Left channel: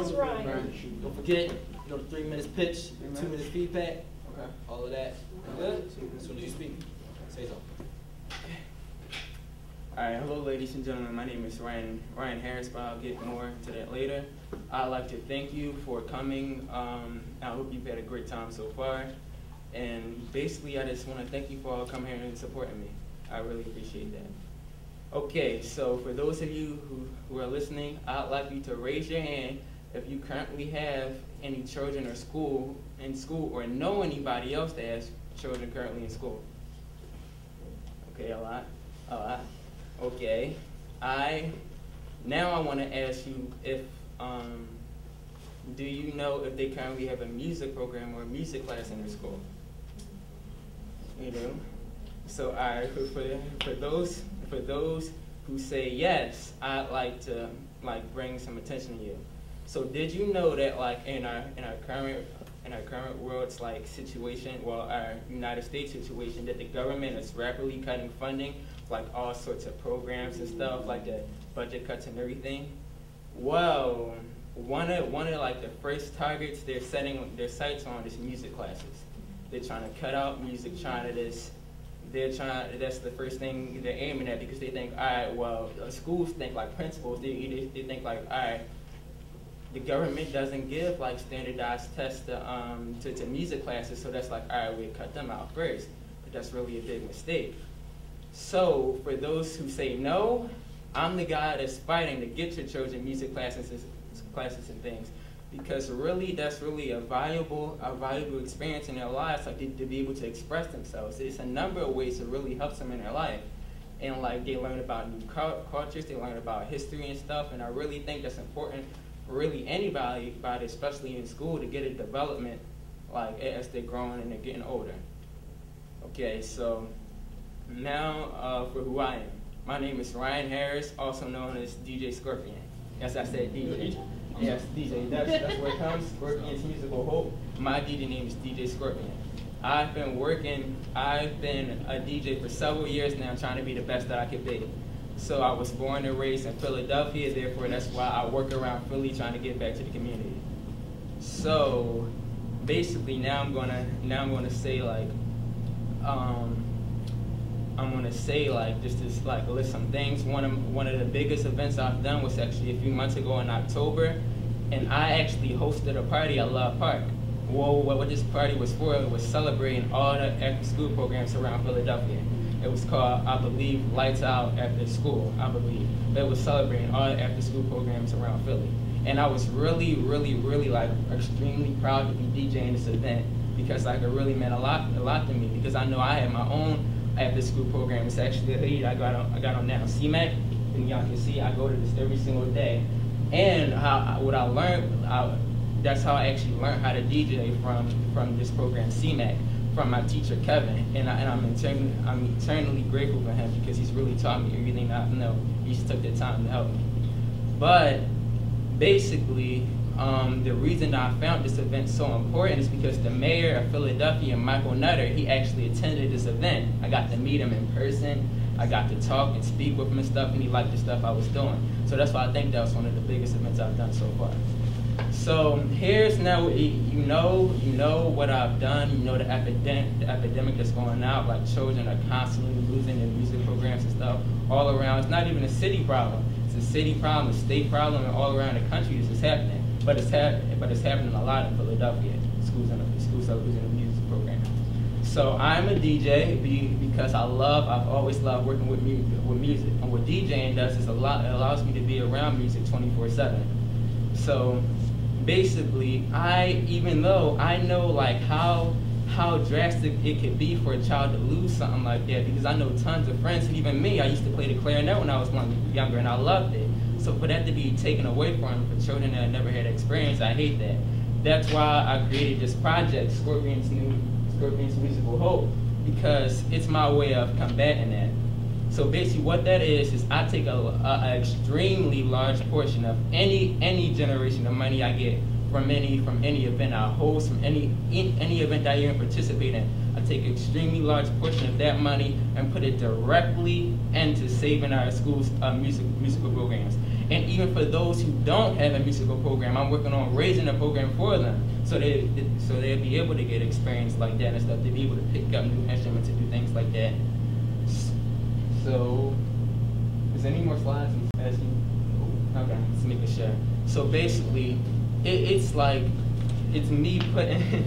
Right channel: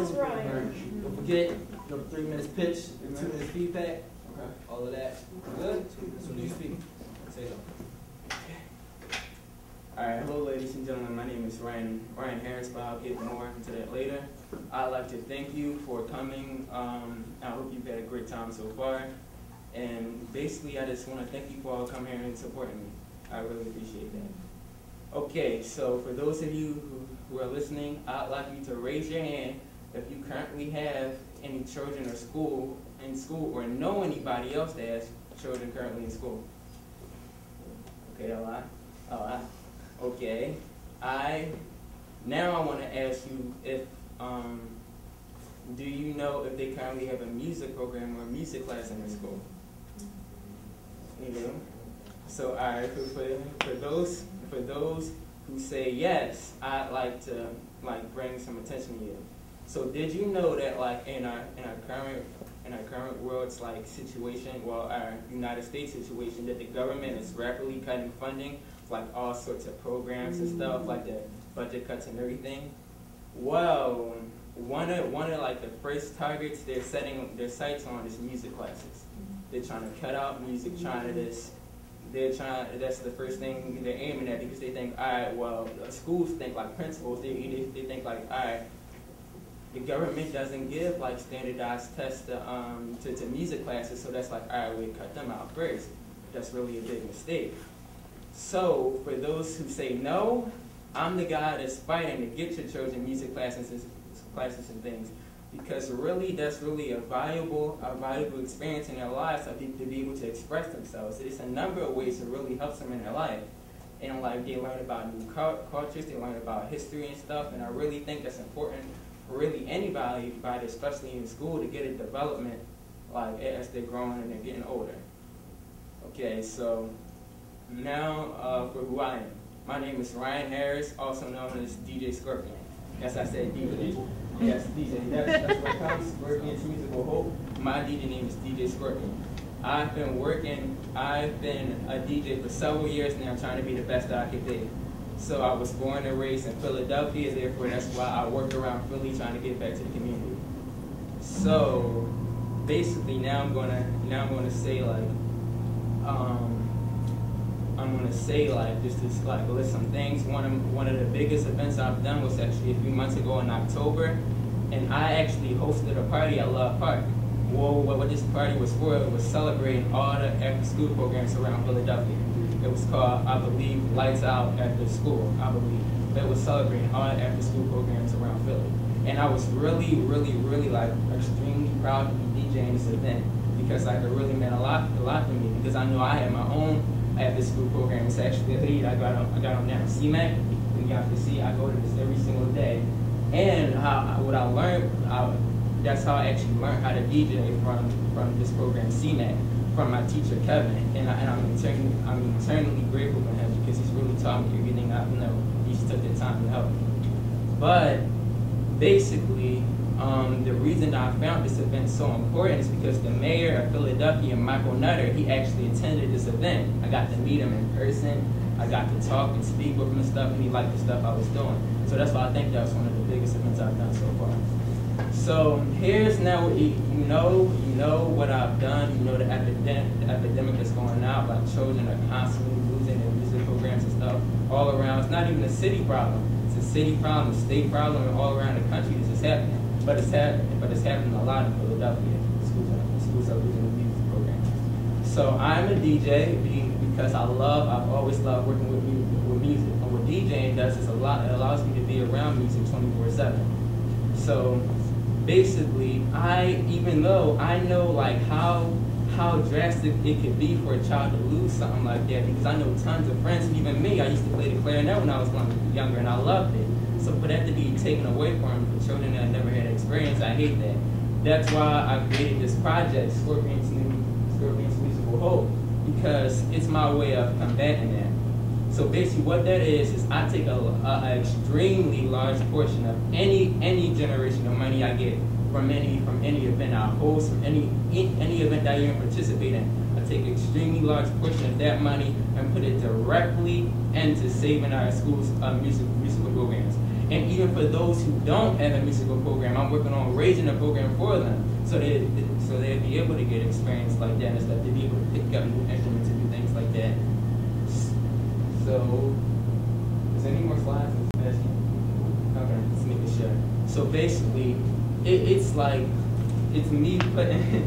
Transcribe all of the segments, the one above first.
is right. Don't forget, the 3 minutes pitch, 2 minutes feedback, Okay. all of that. Good? So do you speak? Say something. All right, hello, ladies and gentlemen. My name is Ryan Harris, but I'll get more into that later. I'd like to thank you for coming. I hope you've had a great time so far. And basically, I just want to thank you for all coming here and supporting me. I really appreciate that. Okay, so for those of you who are listening, I'd like you to raise your hand if you currently have any children in school or know anybody else that has children currently in school. Okay, a lot. Okay, now I want to ask you if, do you know if they currently have a music program or a music class in their school? You do? So, all right, for those who say yes, I'd like to bring some attention to you. So, did you know that in our current world's situation, well, our United States situation, that the government is rapidly cutting funding, all sorts of programs and stuff, like the budget cuts and everything? Well, one of the first targets they're setting their sights on is music classes. They're trying to cut out music, that's the first thing they're aiming at, because they think, all right, well, schools think, principals, they think, all right, the government doesn't give standardized tests to music classes, so that's all right, we cut them out first. But that's really a big mistake. So for those who say no, I'm the guy that's fighting to get your children music classes and things, because really that's really a valuable experience in their lives, to be able to express themselves. It's a number of ways to really help them in their life. And they learn about new cultures, they learn about history and stuff, and I really think that's important for really anybody, especially in school, to get a development as they're growing and they're getting older. Okay, so now for who I am. My name is Ryan Harris, also known as DJ Scorpion. Yes, I said DJ. Yes, DJ. That's where it comes. Scorpion's Musical Hope. My DJ name is DJ Scorpion. I've been a DJ for several years now, trying to be the best that I could be. So I was born and raised in Philadelphia, therefore that's why I work around Philly, trying to get back to the community. So basically now I'm gonna say just to list some things. One of the biggest events I've done was actually a few months ago in October, and I actually hosted a party at Love Park. Well, what this party was for, it was celebrating all the after-school programs around Philadelphia. It was called, I believe, Lights Out After School, I believe. But it was celebrating all the after-school programs around Philly. And I was really, really, really extremely proud to be DJing this event, because it really meant a lot to me, because I know I had my own after-school program. It's actually a hoodie I got on now, CMAC, and y'all can see I go to this every single day. And what I learned, that's how I actually learned how to DJ from this program, CMAC, from my teacher Kevin, and I'm eternally grateful for him, because he's really taught me everything I know. He just took the time to help me. But basically, the reason that I found this event so important is because the mayor of Philadelphia, Michael Nutter, he actually attended this event. I got to meet him in person. I got to talk and speak with him and stuff, and he liked the stuff I was doing. So that's why I think that was one of the biggest events I've done so far. So here's now, you know what I've done. You know the epidemic that's going out. Children are constantly losing their music programs and stuff all around. It's not even a city problem. It's a city problem, a state problem, and all around the country this is happening. But it's happening a lot in Philadelphia. Schools are losing the music programs. So I'm a DJ because I've always loved working with music. And what DJing does is it allows me to be around music 24/7. So basically, even though I know how drastic it could be for a child to lose something like that, because I know tons of friends, and even me, I used to play the clarinet when I was younger, and I loved it. So for that to be taken away from children that never had experience, I hate that. That's why I created this project, Scorpion's Musical Hope, because it's my way of combating that. So basically what that is I take an extremely large portion of any generation of money I get from any event I host, from any event that I even participate in. I take an extremely large portion of that money and put it directly into saving our schools' musical programs. And even for those who don't have a musical program, I'm working on raising a program for them, so they'll be able to get experience like that and stuff, to be able to pick up new instruments and do things like that. So, is there any more slides? Okay, let's make it sure. So basically, it's me putting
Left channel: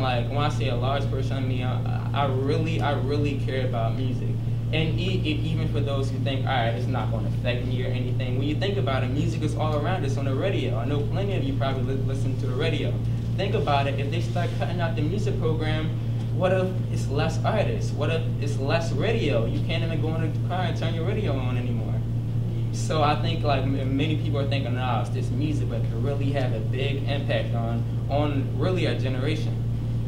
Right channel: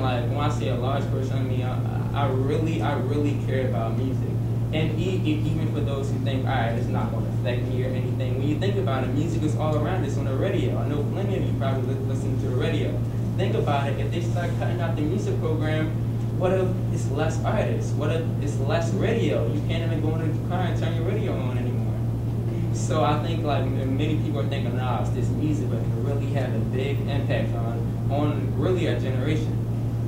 like, when I say a large portion of me, I really care about music. And even for those who think, all right, it's not going to affect me or anything, when you think about it, music is all around us on the radio. I know plenty of you probably listen to the radio. Think about it, if they start cutting out the music program, what if it's less artists? What if it's less radio? You can't even go in the car and turn your radio on anymore. So I think like many people are thinking, nah, it's just music, but it can really have a big impact on really our generation.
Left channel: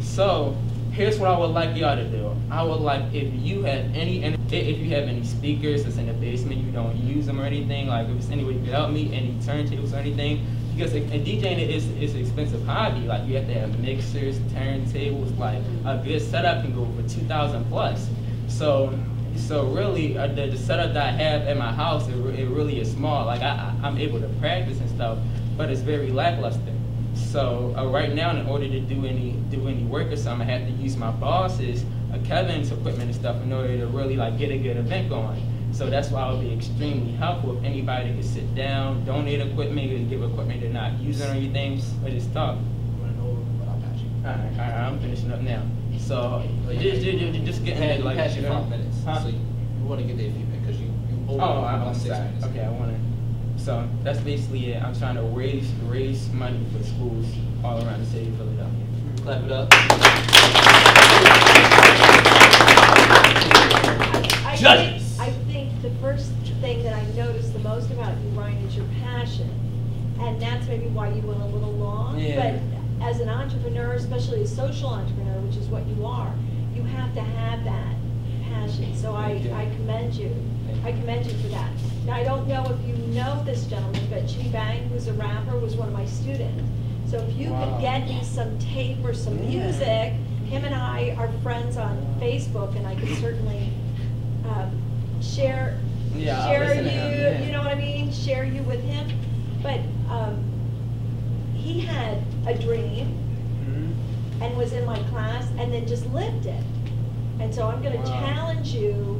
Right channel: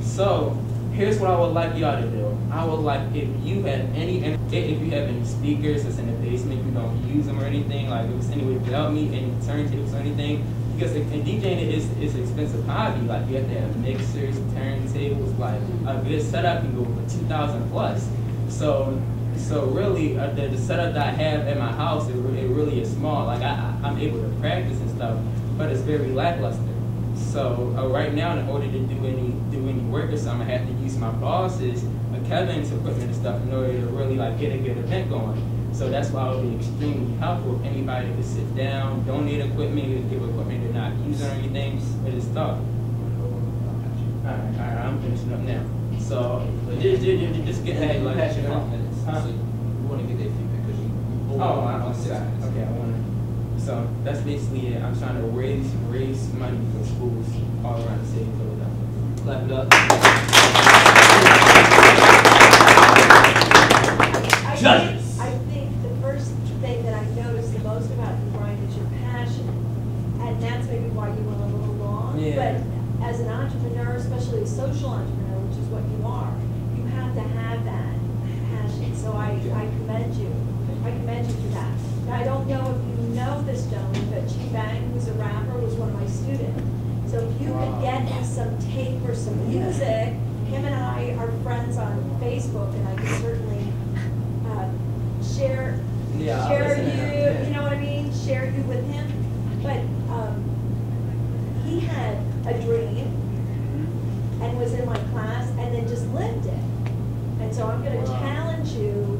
So here's what I would like y'all to do. I would like, if you have any speakers that's in the basement, you don't use them or anything, like if it's any way to help me, any turntables or anything, because DJing is an expensive hobby. Like you have to have mixers, turntables, like a good setup can go for $2,000 plus. So really, the setup that I have at my house, it really is small. Like I'm able to practice and stuff, but it's very lackluster. So right now, in order to do any work or something, I have to use my boss's, Kevin's equipment and stuff in order to really like get a good event going. So that's why it would be extremely helpful if anybody could sit down, donate equipment, and give equipment they're not using or anything, or just talk. All right, I'm finishing up now. So just getting Hey, like. past your 5 minutes. Huh? So you want to get their feedback because you over I'm 6 sorry. minutes. Okay, I want to. So that's basically it. I'm trying to raise money for schools all around the city of Philadelphia. Clap it up. I think the first thing that I noticed the most about you, Ryan, is your passion. And that's maybe why you went a little long. Yeah. But as an entrepreneur, especially a social entrepreneur, which is what you are, you have to have that passion. So I commend you. I commend you for that. Now, I don't know if you know this gentleman, but Chi Bang, who's a rapper, was one of my students. So if you could get me some tape or some music, him and I are friends on Facebook, and I could certainly share you, you know what I mean? Share you with him. But he had a dream and was in my class and then just lived it. And so I'm going to challenge you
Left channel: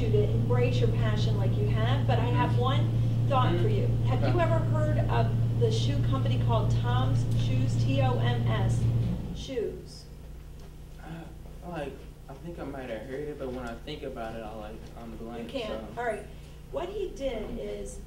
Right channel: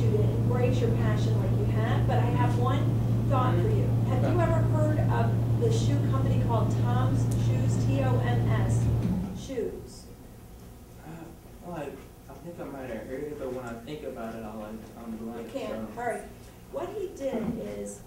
to embrace your passion like you have. But I have one thought for you. Have you ever heard of the shoe company called Tom's Shoes, T-O-M-S Shoes? Like, I think I might have heard it, but when I think about it, I'm blank. You can't. So. All right. What he did is,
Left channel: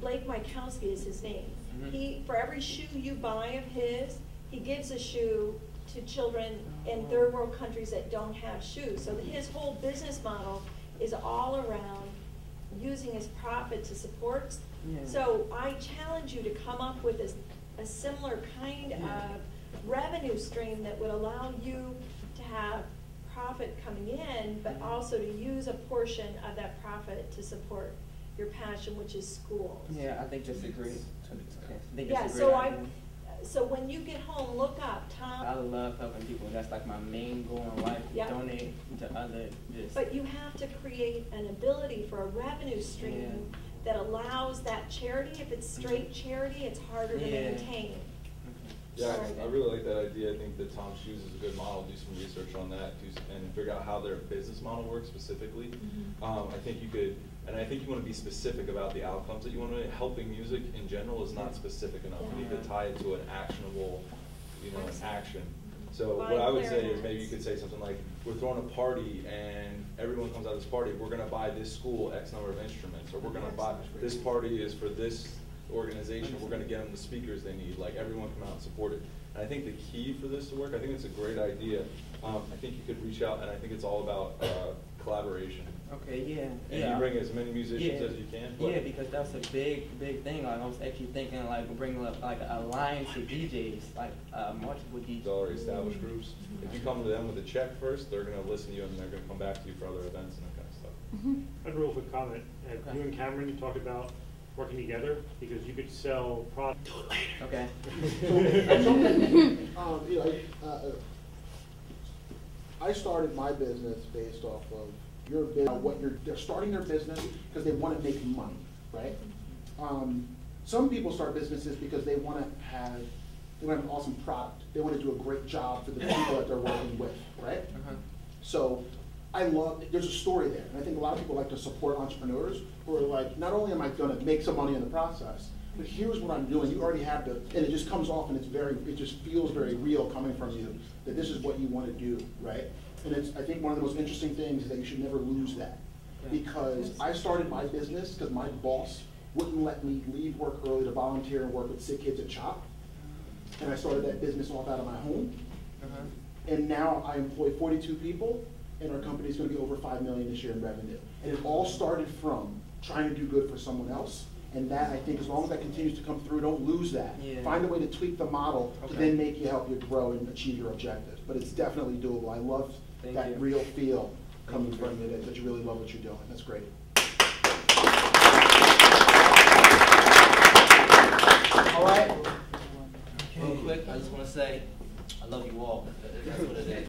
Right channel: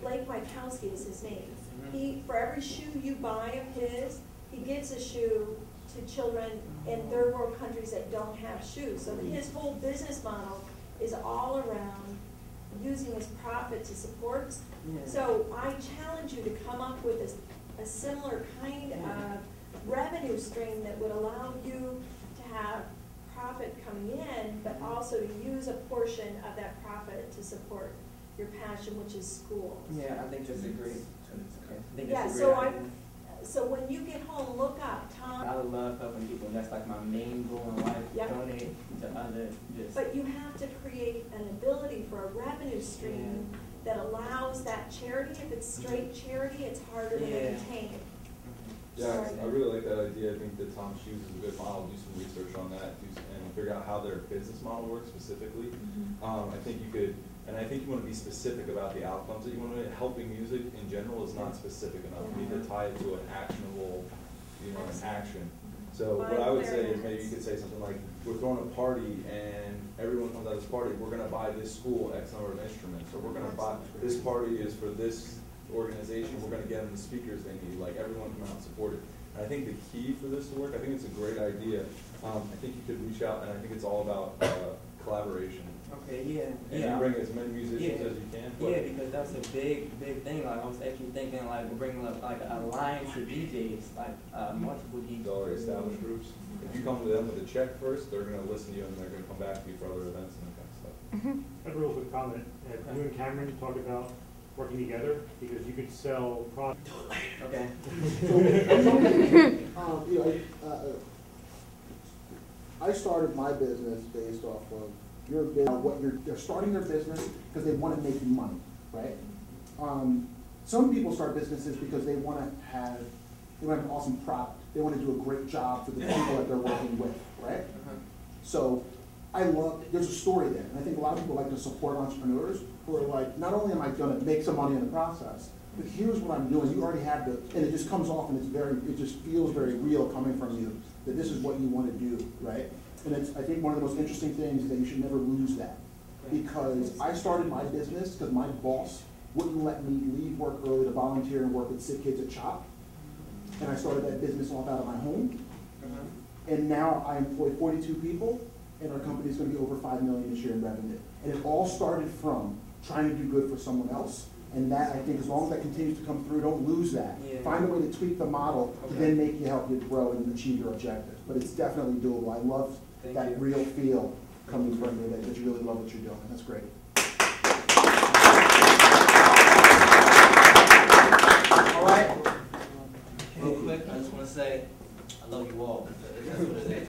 Blake Mykowski is his name. He, for every shoe you buy of his, he gives a shoe to children in third world countries that don't have shoes. So his whole business model is all around using his profit to support. So I challenge you to come up with a similar kind of revenue stream that would allow you to have profit coming in, but also to use a portion of that profit to support your passion, which is schools. Yeah, I think that's a great. So when you get home, look up Tom. I love helping people. That's like my main goal in life. Donate to others. But you have to create an ability for a revenue stream that allows that charity. If it's straight charity, it's harder to maintain. Yeah, I really like that idea. I think that Tom's Shoes is a good model. Do some research on that and figure out how their business model works specifically. I think you could, and I think you want to be specific about the outcomes that you want to make. Helping music in general is not specific enough. You need to tie it to an actionable, an action. So what I would say is maybe you could say something like, we're throwing a party and everyone comes out of this party, we're going to buy this school X number of instruments, or we're going to buy, this party is for this organization, we're going to get them the speakers they need, like everyone come out and support it. And I think the key for this to work, I think it's a great idea. I think you could reach out, and I think it's all about collaboration. Okay, And you bring as many musicians as you can. Yeah, because that's a big thing. Like I was actually thinking, like bringing up like an alliance of DJs, like multiple DJs. Already established groups. If you come to them with a check first, they're going to listen to you, and they're going to come back to you for other events and that kind of stuff. I have a real quick comment. You and Cameron talked about working together because you could sell products. Do it later. Okay. I started my business based off of they're starting their business because they want to make money, right? Some people start businesses because they want to have an awesome product. They want to do a great job for the people that they're working with, right? So there's a story there. And I think a lot of people like to support entrepreneurs who are like, not only am I going to make some money in the process, but here's what I'm doing. You already have and it just comes off and it just feels very real coming from you, that this is what you want to do, right? And I think one of the most interesting things is that you should never lose that. Because I started my business because my boss wouldn't let me leave work early to volunteer and work with sick kids at CHOP. And I started that business off out of my home. And now I employ 42 people, and our company is going to be over $5 million this year in revenue. And it all started from trying to do good for someone else. And that, I think, as long as that continues to come through, don't lose that. Find a way to tweak the model to then help you grow and achieve your objectives. But it's definitely doable. I love that real feel coming from you, that you really love what you're doing. That's great. All right. Real quick, I just want to say I love you all. That's what it is.